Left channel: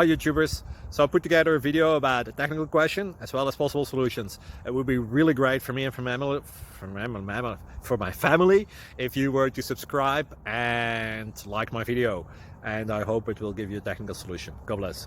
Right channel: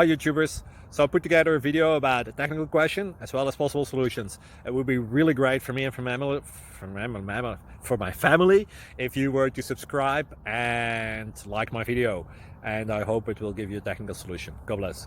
Hi YouTubers. So I put together a video about a technical question as well as possible solutions. It would be really great for me and for my family if you were to subscribe and like my video. And I hope it will give you a technical solution. God bless.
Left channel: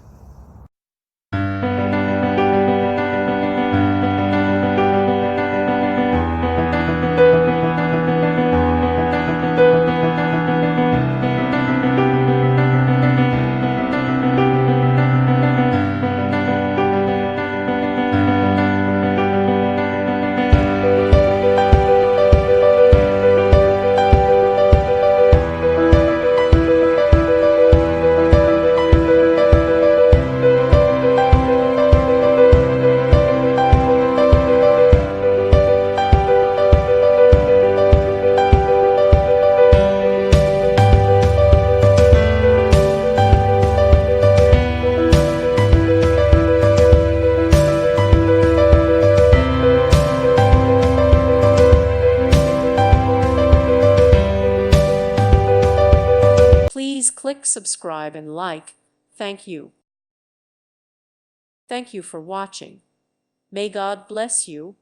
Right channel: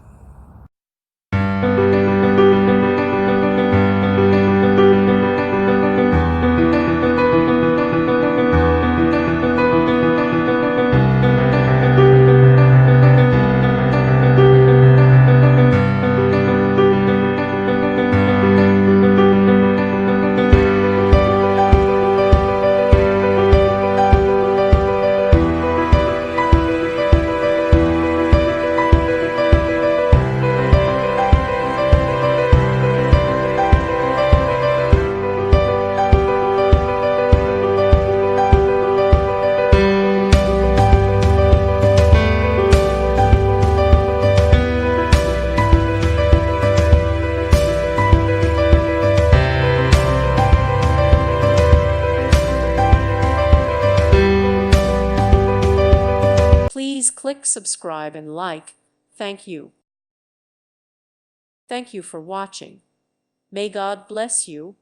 Please click subscribe and like. Thank you. Thank you for watching. May God bless you.